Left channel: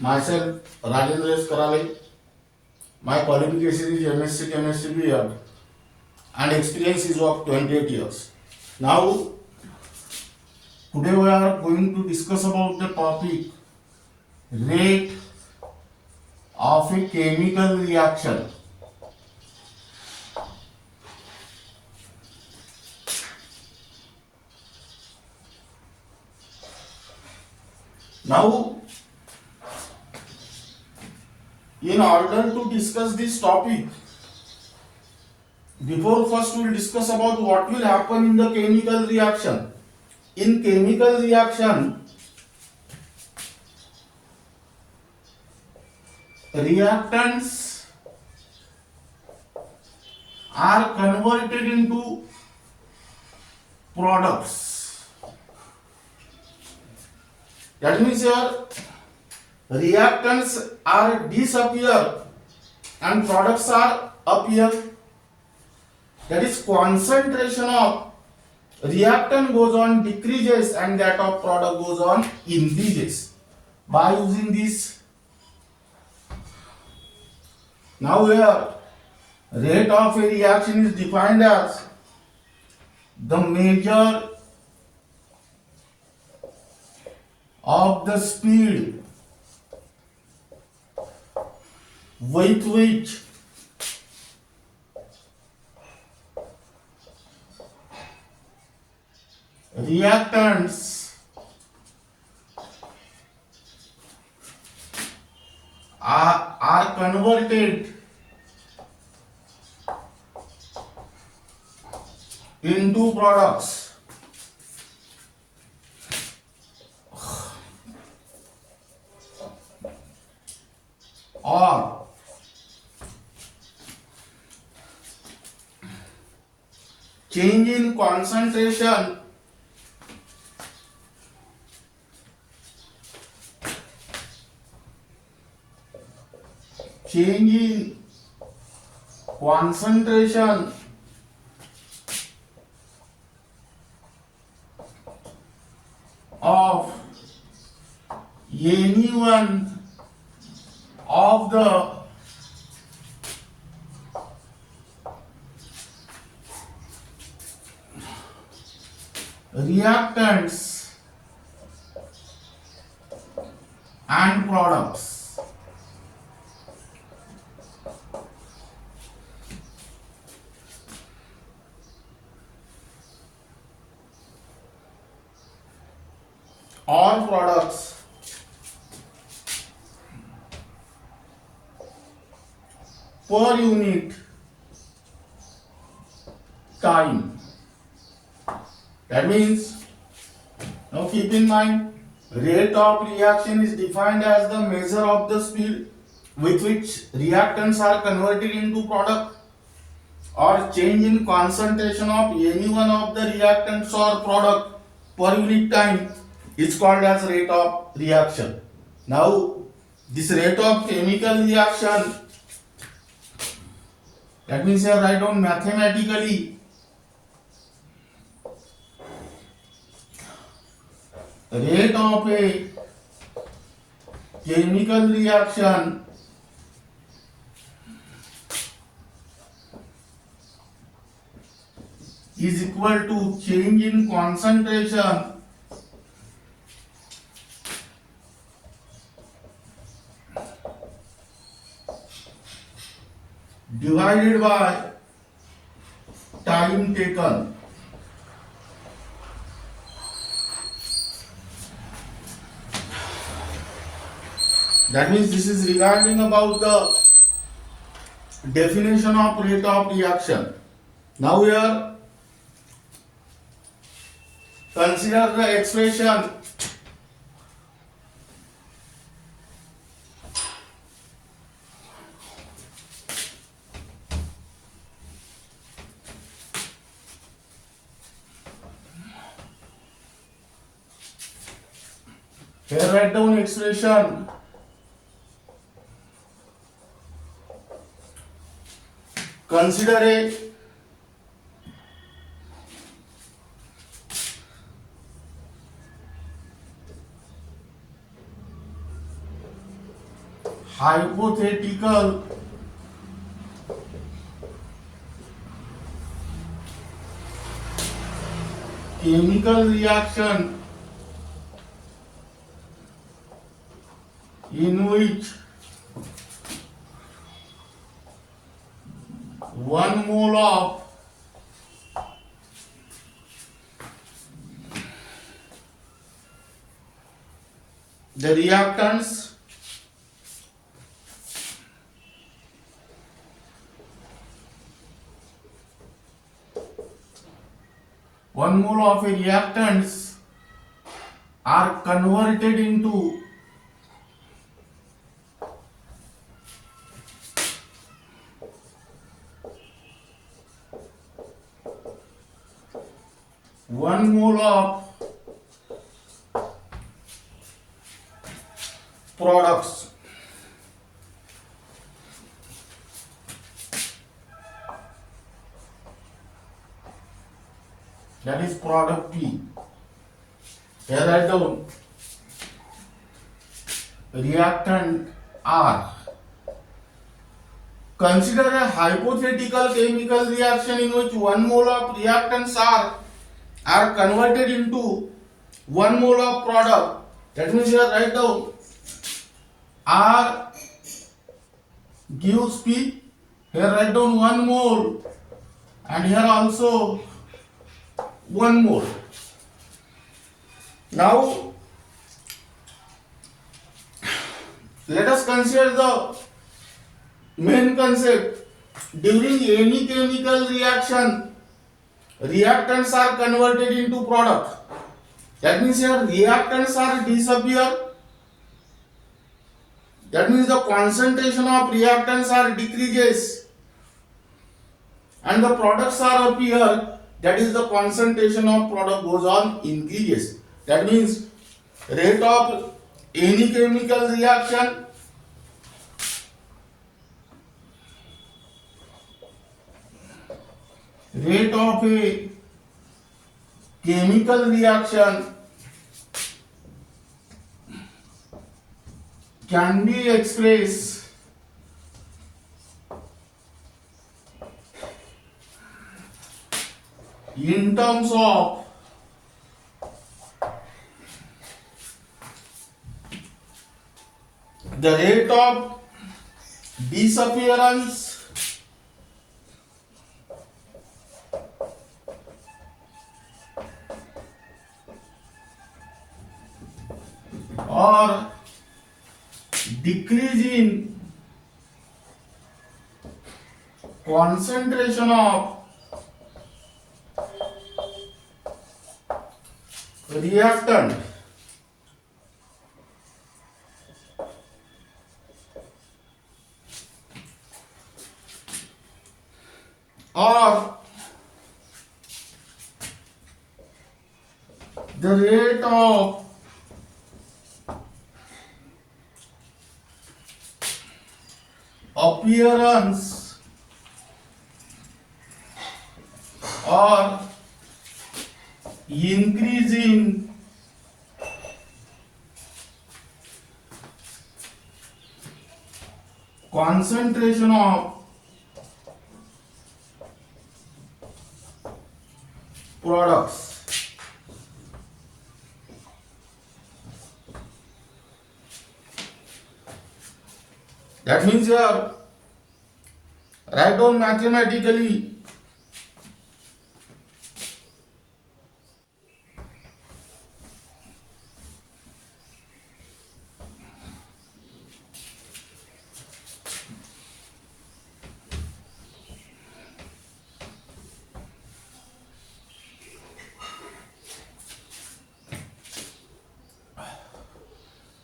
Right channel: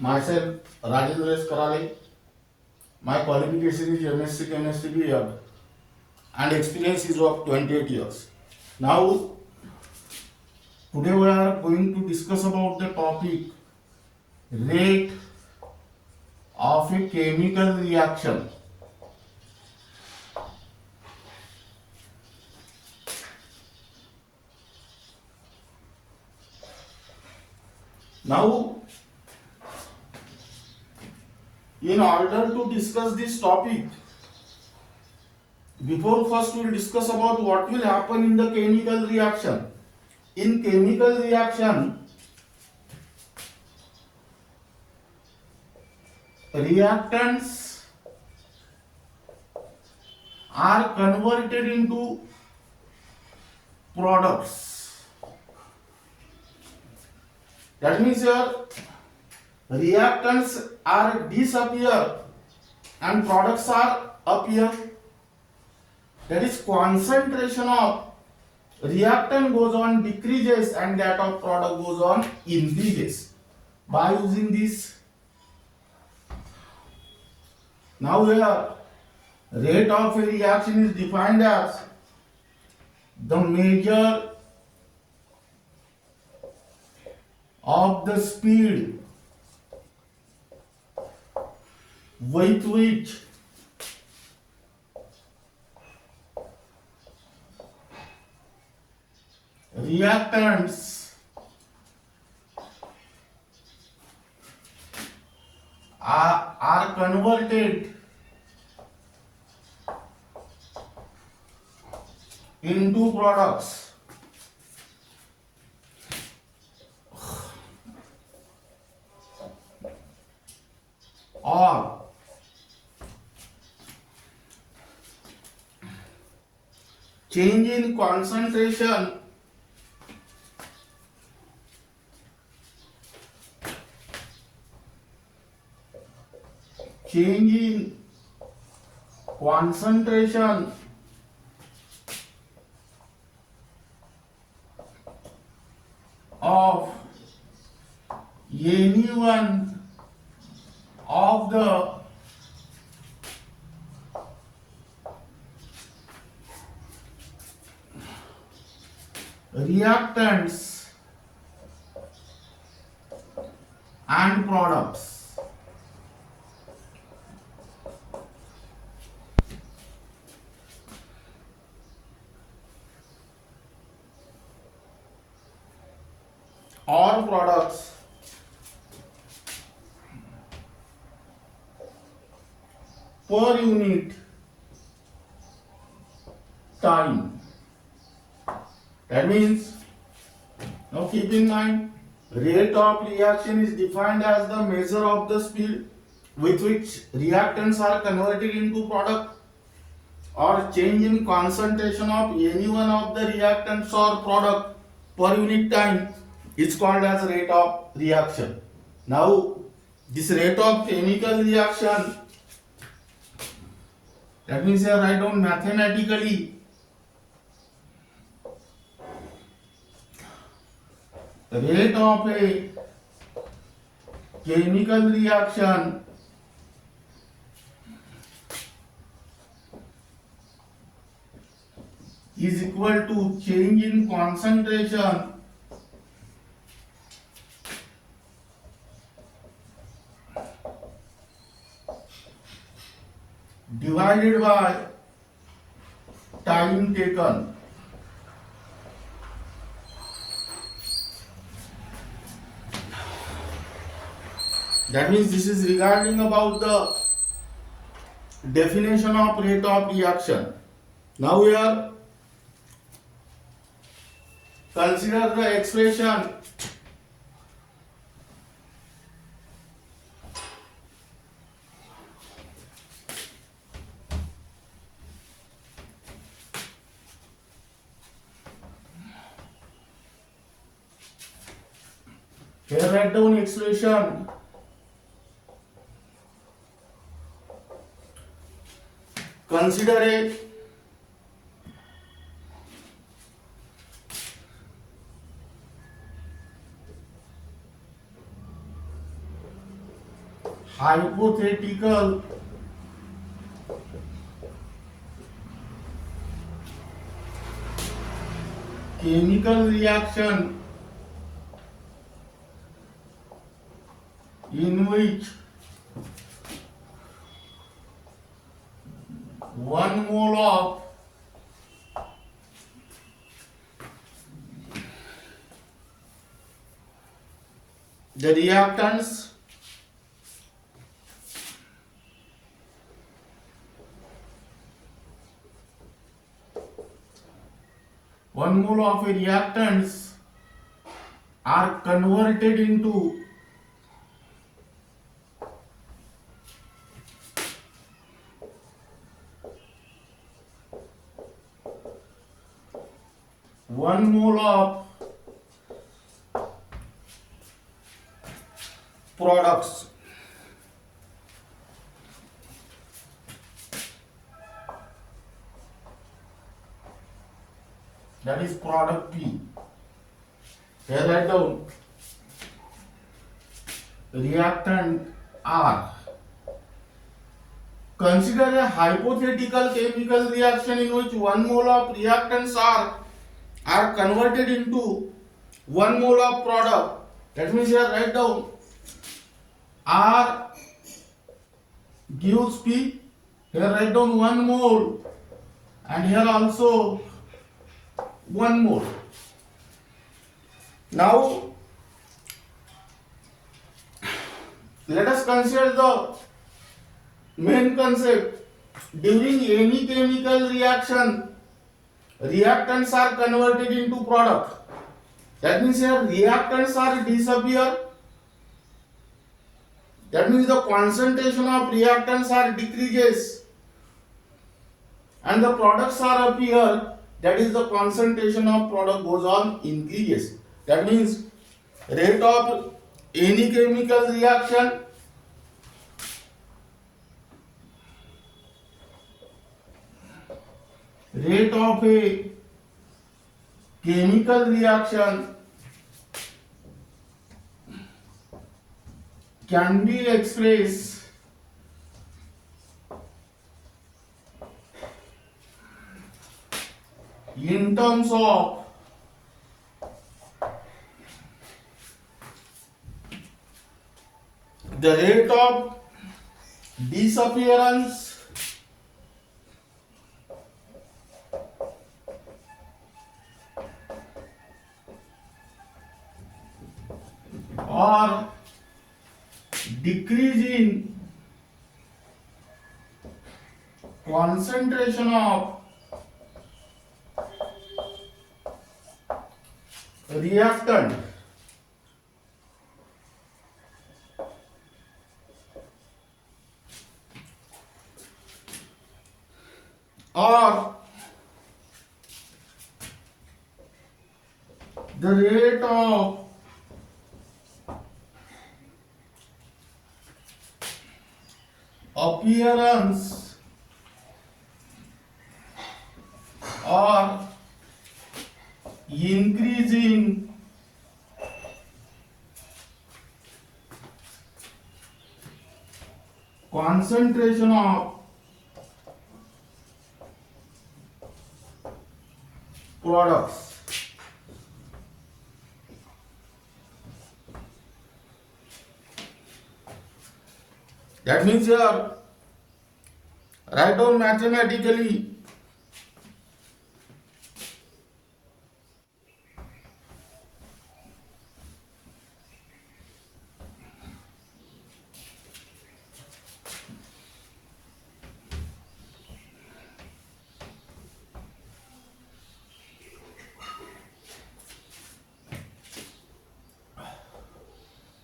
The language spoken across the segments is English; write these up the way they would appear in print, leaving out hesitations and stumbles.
Myself, Rajendra S. Karale. My qualification is MSc Chemistry B.Ed and experience is of 28 years. Now, today we are going to discuss about the topic rate of a chemical reaction. Now, in order to discuss this topic, before first we will discuss about what will happen in the chemical reaction. In chemical reaction, reactants are converted into products. That means here reactants are disappear and products are appear. That is, concentration of reactant goes on decreases and that of product goes on increases. By using this, now here rate of a reaction is defined as the measure of the speed with which reactants are converted into products. Or change in concentration of any one of the reactants and products. All products per unit time. That means, now keep in mind, rate of reaction is defined as the measure of the speed with which reactants are converted into product or change in concentration of any one of the reactants or product per unit time is called as rate of reaction. Now, this rate of chemical reaction, that means here write down mathematically rate of a chemical reaction is equal to change in concentration divided by time taken. That means this is regarding about the definition of rate of reaction. Now here consider the expression here, write down expression consider a hypothetical chemical reaction in which 1 mole of the reactants one mole of a reactants are converted into 1 mole of products. That is product P. Here write down reactant R. Consider a hypothetical chemical reaction in which 1 mole of reactants are converted into 1 mole of product. That means here write down R gives P. Here write down 1 mole and here also 1 mole. Now let us consider the main concept. During any chemical reaction, reactants are converted into product. That means here reactants are disappear. That means the concentration of reactants are decreases and the products are appear. That is the concentration of product goes on increases. That means rate of any chemical reaction rate of a chemical reaction can be expressed in terms of the rate of disappearance or decrease in concentration of reactant or the rate of appearance or increase in concentration of products. That means here write down mathematically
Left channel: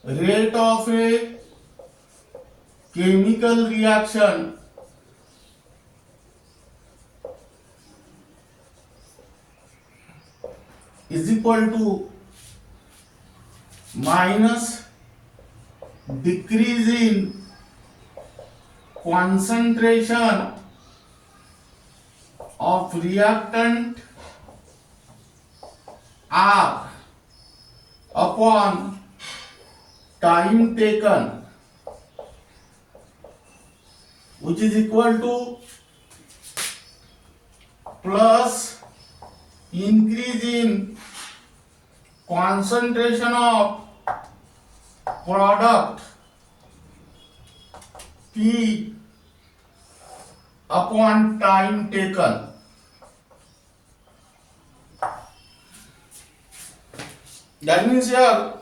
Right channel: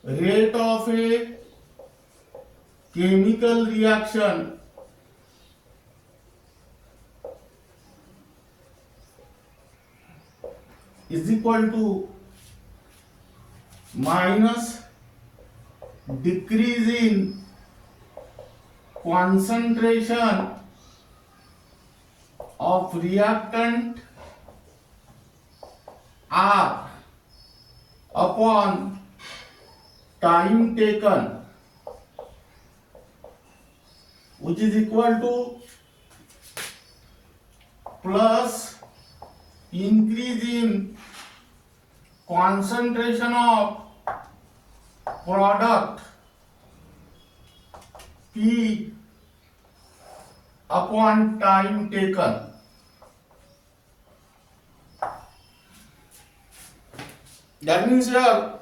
rate of a chemical reaction is equal to minus decrease in concentration of reactant R upon time taken which is equal to plus increase in concentration of product P upon time taken. That means here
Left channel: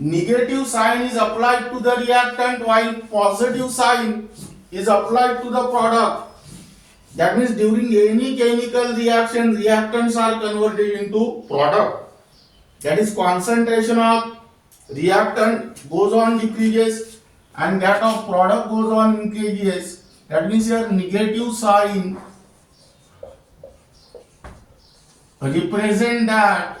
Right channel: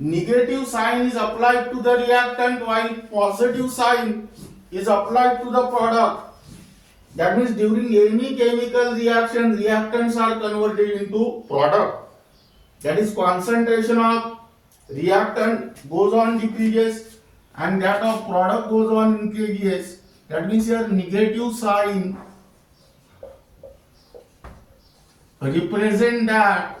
negative sign is applied to the reactant while positive sign is applied to the product. That means during any chemical reaction, reactants are converted into product. That is, concentration of reactant goes on decreases and that of product goes on increases. That means here negative sign represent that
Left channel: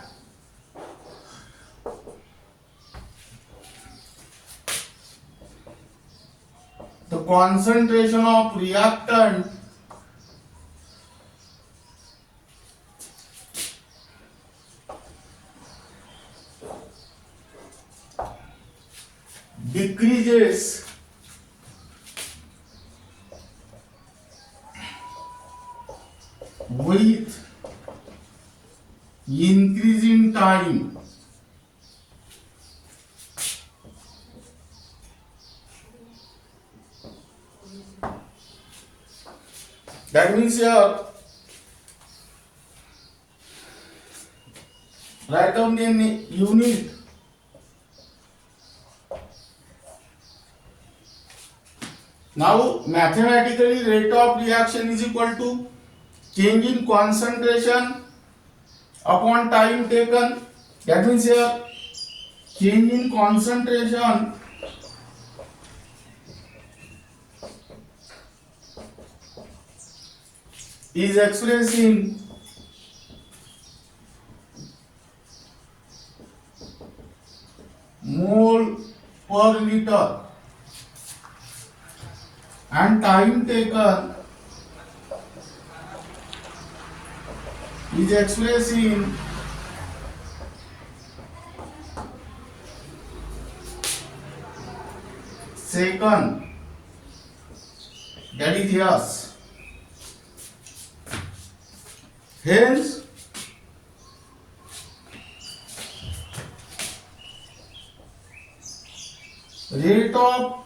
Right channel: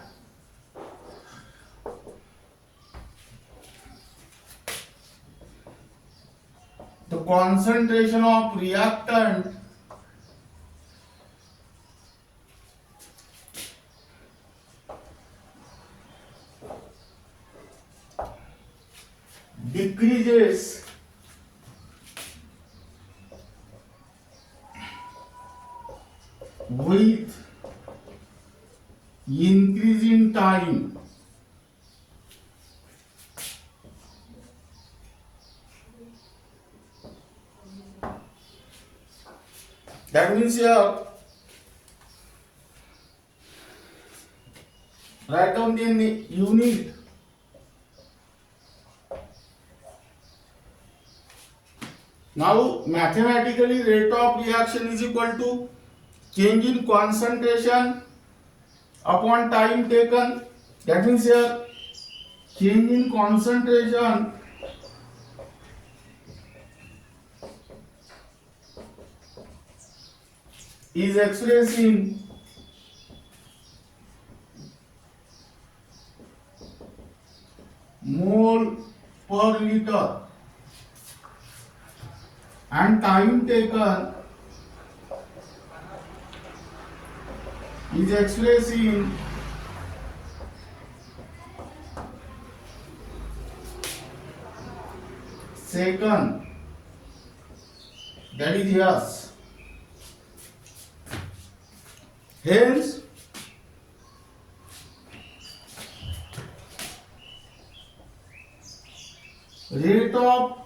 the concentration of reactant decreases with increase in time. That means here write down the unit. Now mathematically rate of reaction is equal to change in concentration upon time taken. That means here change in concentration is expressed in mole per liter and time taken is expressed in second. That is yes. Hence rate of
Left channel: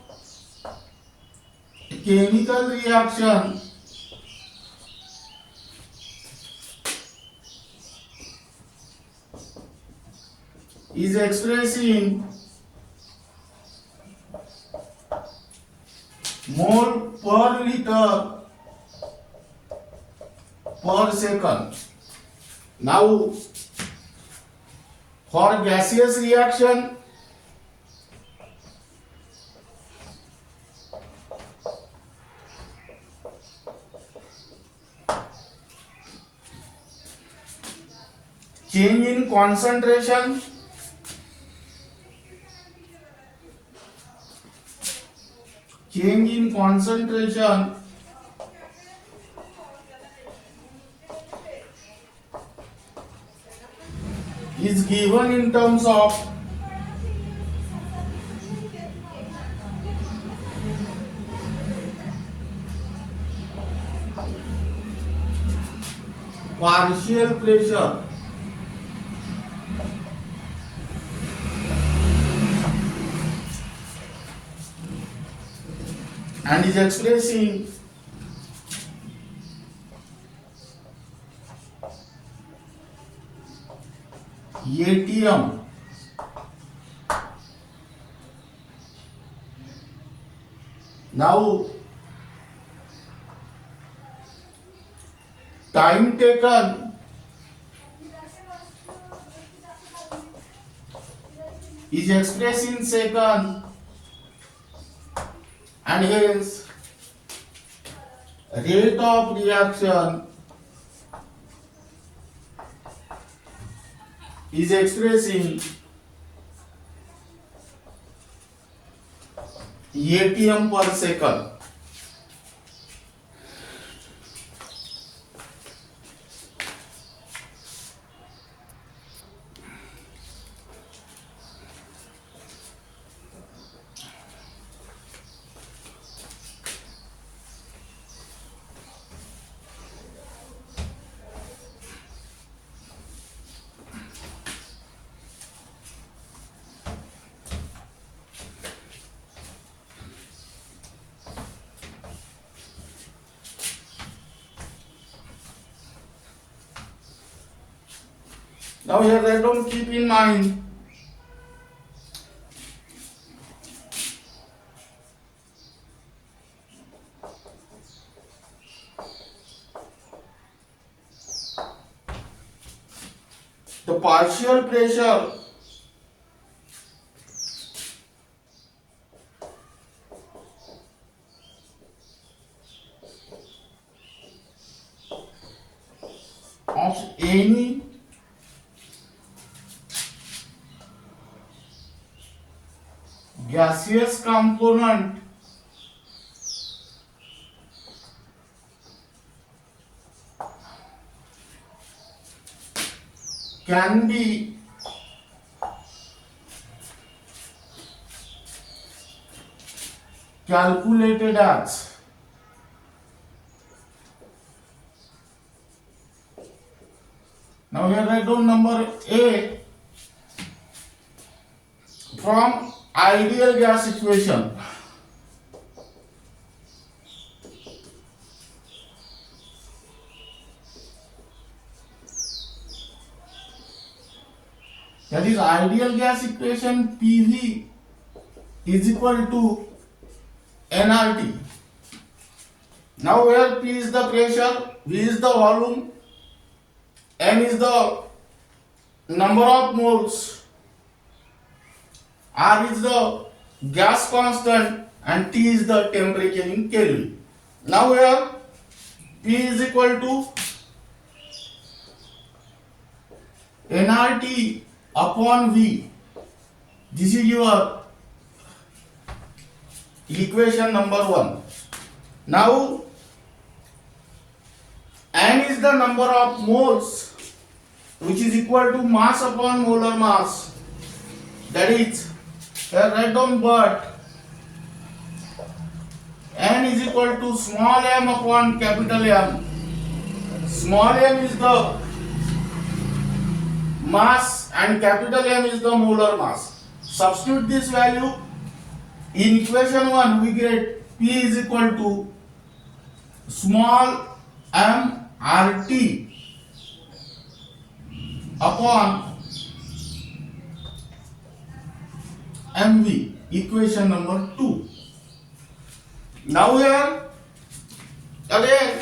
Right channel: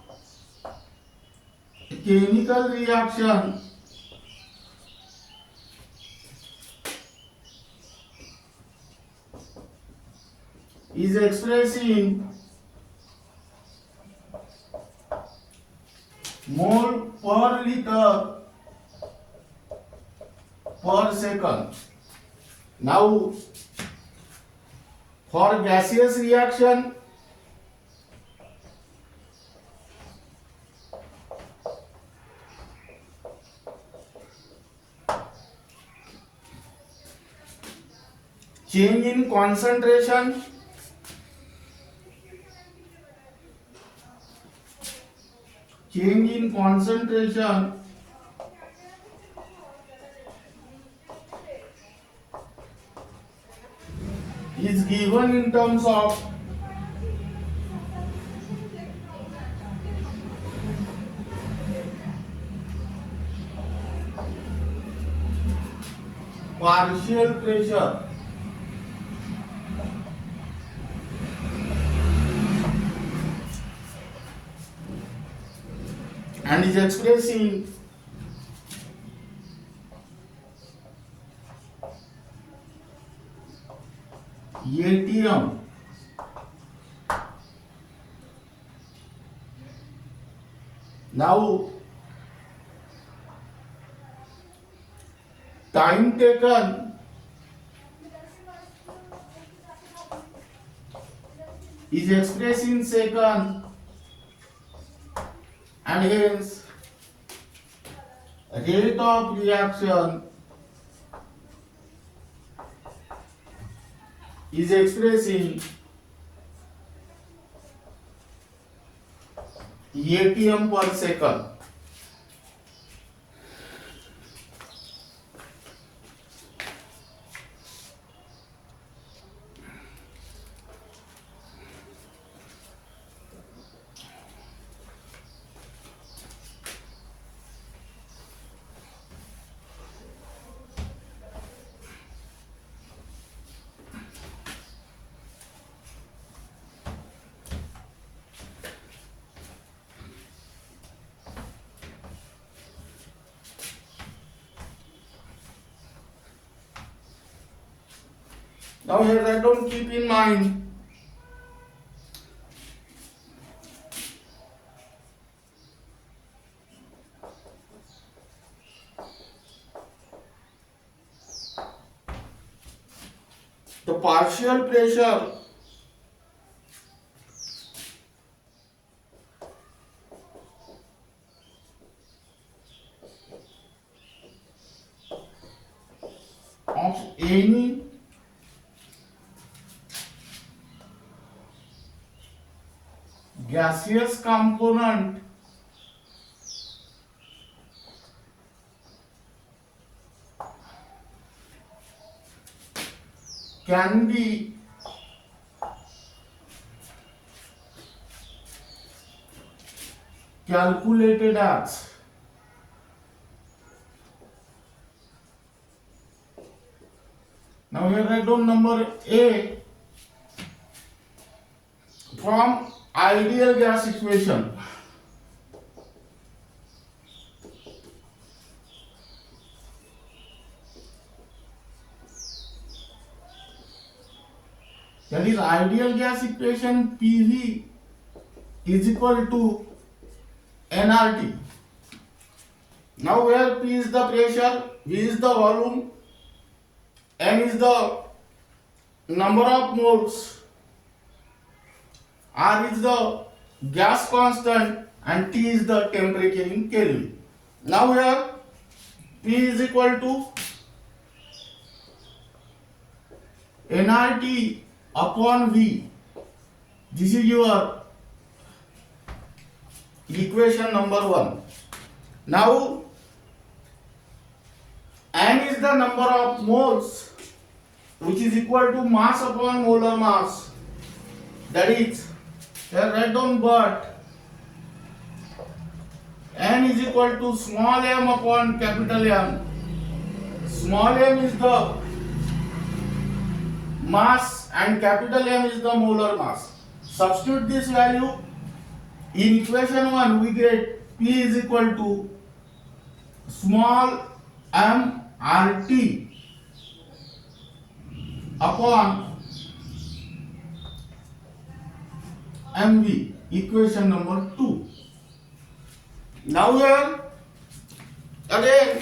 chemical reaction is expressed in mole per liter per second. Now for gaseous reaction, change in concentration is given in terms of partial pressure and is expressed in ATM. Now time taken is expressed in second and hence rate of reaction is expressed in ATM per second. Now here write down, keep in mind the partial pressure of any gaseous component can be calculated as now here write down number A from ideal gas equation. That is ideal gas equation, PV is equal to nRT. Now where P is the pressure, V is the volume, N is the number of moles, R is the gas constant, and T is the temperature in Kelvin. Now here P is equal to nRT upon V. This is your equation number 1. Now N is the number of moles, which is equal to mass upon molar mass. That is, here write down, but N is equal to small m upon capital M. Small m is the mass and capital M is the molar mass. Substitute this value in equation 1, we get P is equal to small m RT upon MV, equation number 2. Now here again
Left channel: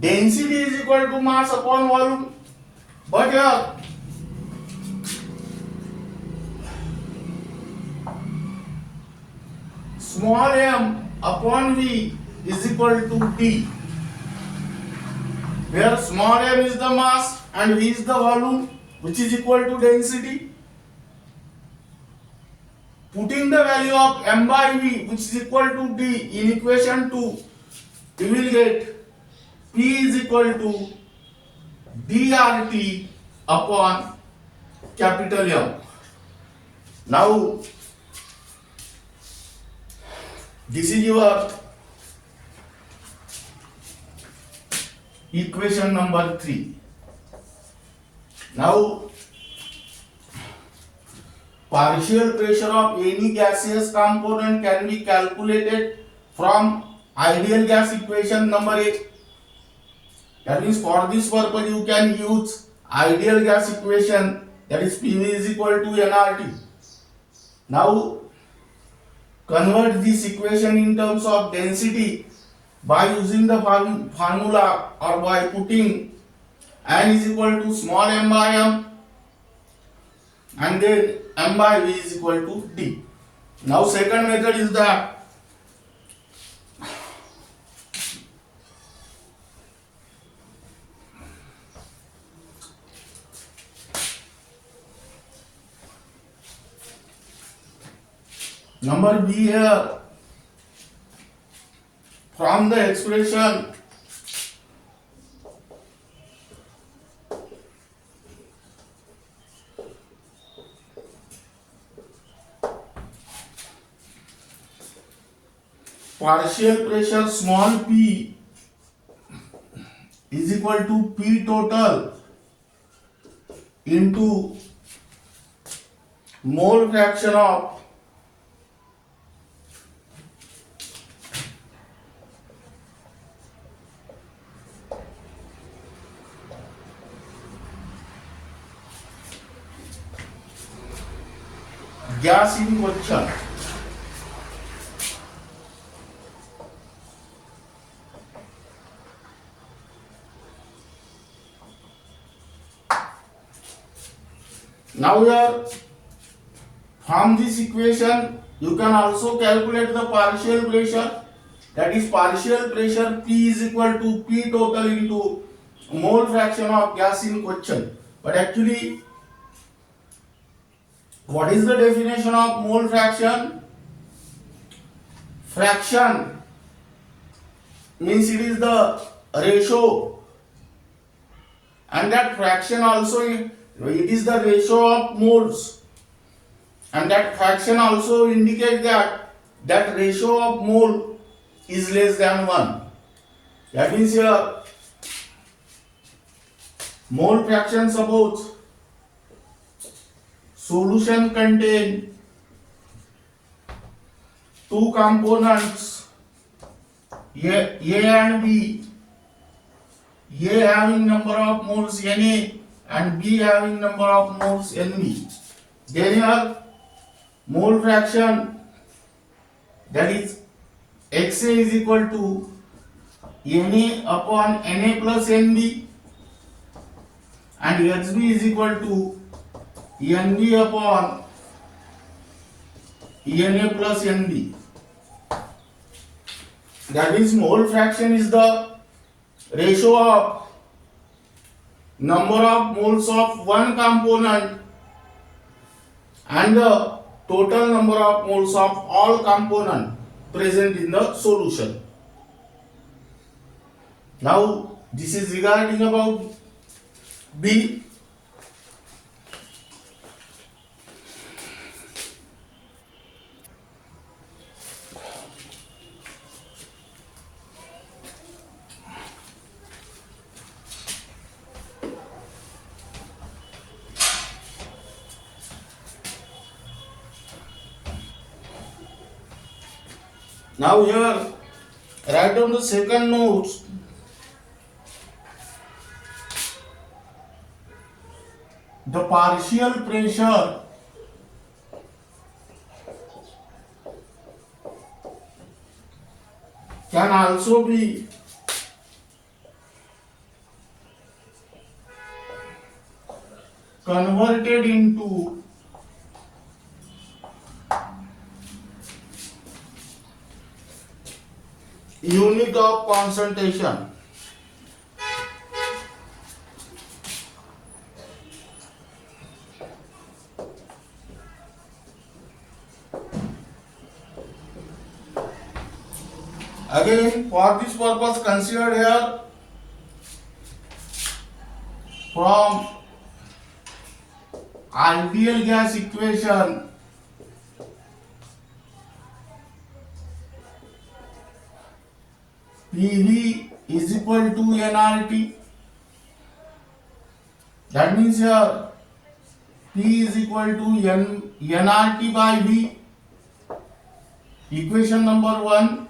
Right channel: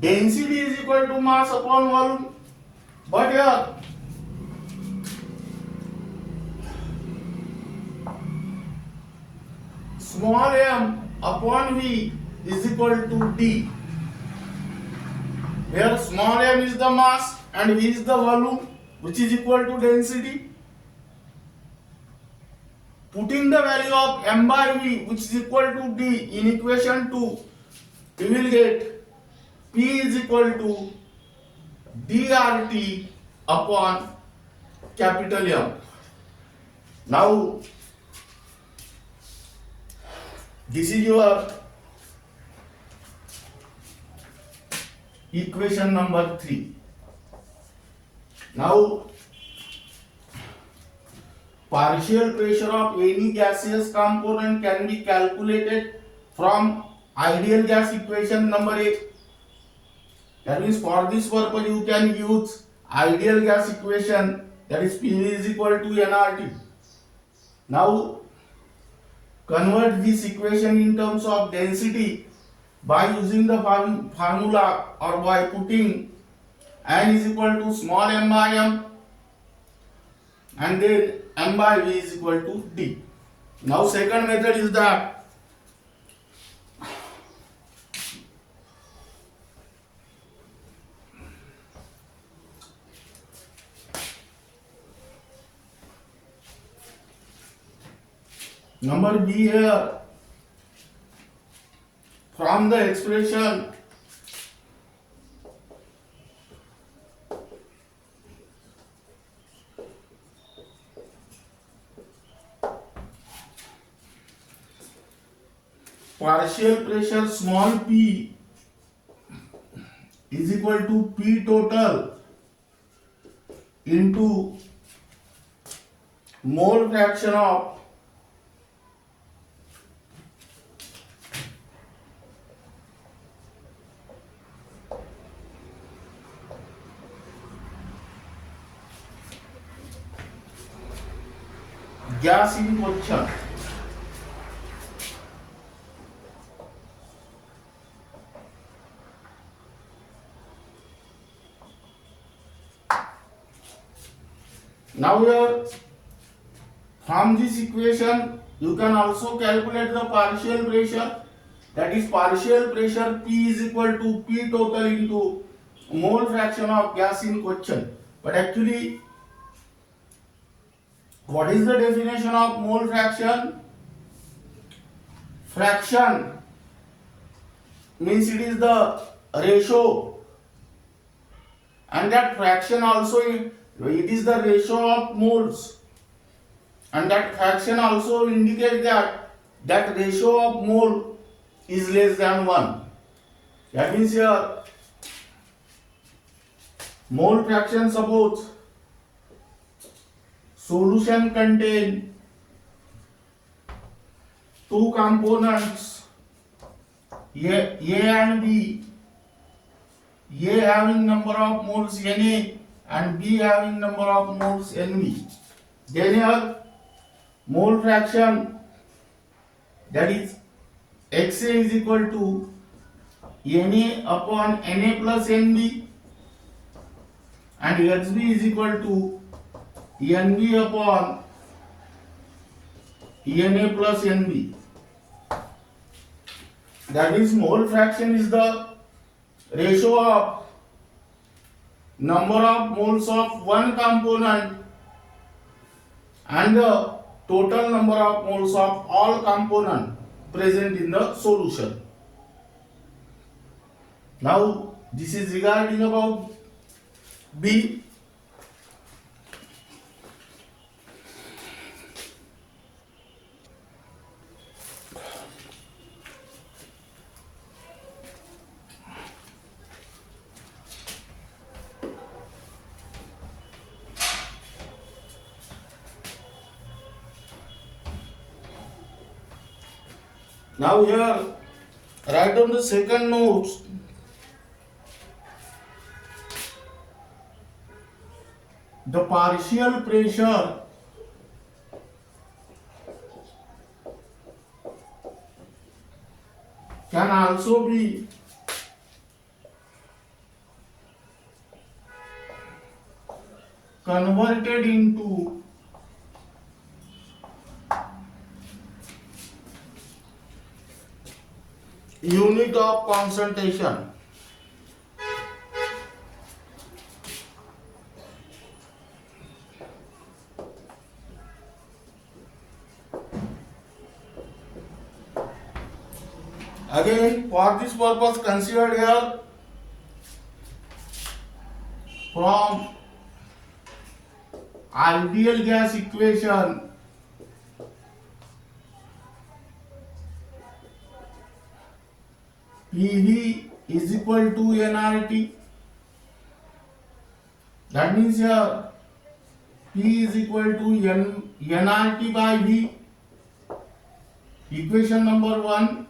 density is equal to mass upon volume, but here small m upon V is equal to D, where small m is the mass and V is the volume, which is equal to density. Putting the value of m by V, which is equal to D, in equation 2, we will get P is equal to dRT upon capital M. Now this is your equation number 3. Now partial pressure of any gaseous component can be calculated from ideal gas equation number 8. That means for this purpose you can use ideal gas equation, that is PV is equal to nRT. Now convert this equation in terms of density by using the formula or by putting N is equal to small m by m and then m by V is equal to D. Now second method is that number B here, from the expression partial pressure small p is equal to P total into mole fraction of gas in question. Now here, from this equation, you can also calculate the partial pressure. That is, partial pressure P is equal to P total into mole fraction of gas in question. But actually, what is the definition of mole fraction? Fraction means it is the ratio, and that fraction also it is the ratio of moles, and that fraction also indicates that ratio of mole is less than 1. That means here mole fraction, suppose solution contain two components A and B, A having number of moles Na and B having number of moles Nb. Then here mole fraction, that is Xa is equal to Na upon Na plus Nb, and Hb is equal to Nb upon Na plus Nb. That means mole fraction is the ratio of number of moles of one component and the total number of moles of all components present in the solution. Now this is regarding about B. Now here, write down the second notes. The partial pressure can also be converted into unit of concentration. Again, for this purpose, consider here from ideal gas equation PV is equal to nRT. That means here P is equal to nRT by V. Equation number 1.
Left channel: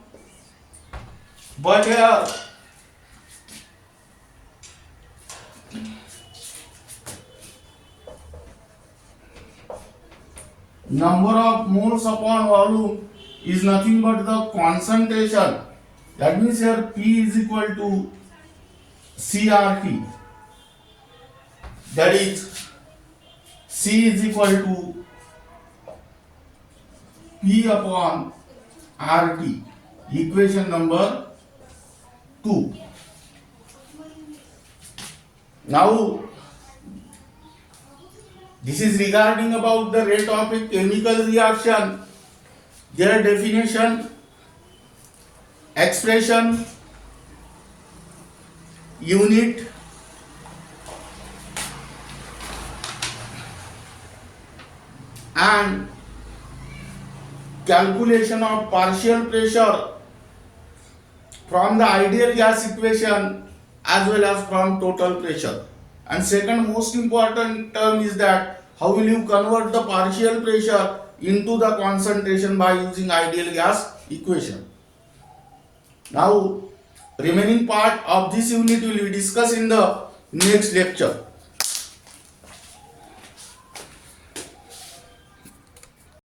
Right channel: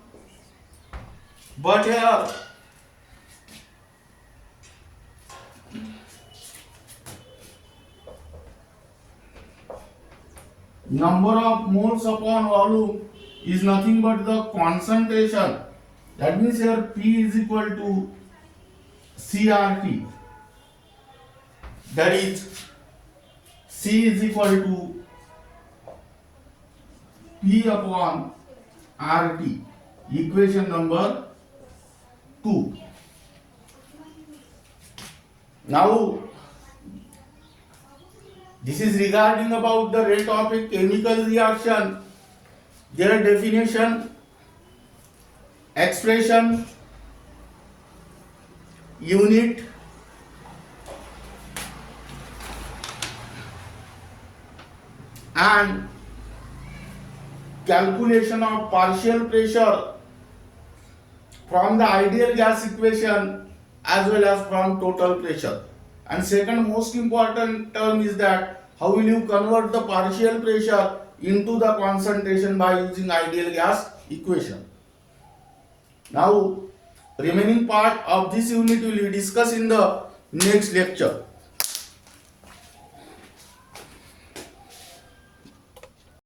But here number of moles upon volume is nothing but the concentration. That means here P is equal to CRT. That is, C is equal to P upon RT. Equation number 2. Now, this is regarding about the rate of a chemical reaction. Their definition, expression, unit, and calculation of partial pressure from the ideal gas equation as well as from total pressure. And second most important term is that how will you convert the partial pressure into the concentration by using ideal gas equation. Now remaining part of this unit will be discussed in the next lecture.